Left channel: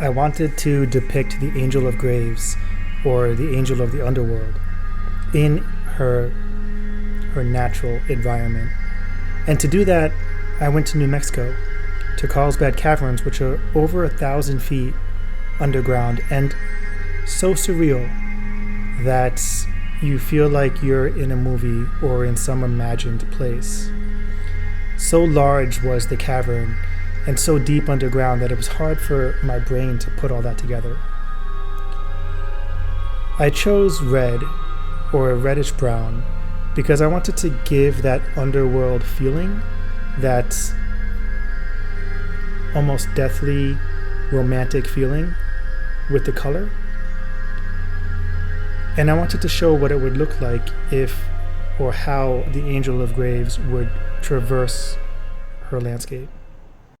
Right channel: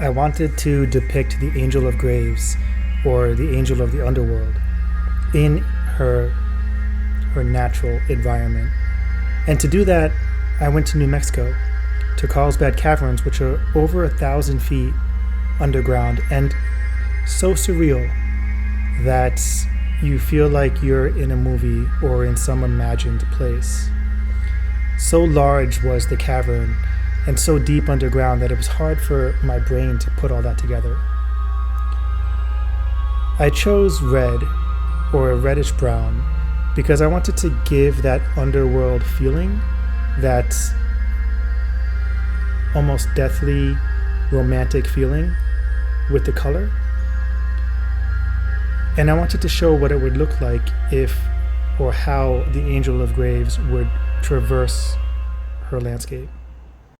I wanted to depict the Angel of Graves, or the Angel of the Underworld, in her natural environment. And to do that, I went to New Mexico, to Carlsbad Caverns, which are over 1,000 feet underground and so surreal that you feel like you're in a movie or in some imagined place. So large was the cavern and so deep underground that it was hard for my brain to put all that together. I chose red, or a reddish brown, because I wanted to give that underworld feeling, that almost deathly romantic feeling with the color. And I wanted to show what it would look like if, or how, the Angel of Graves would traverse her landscape.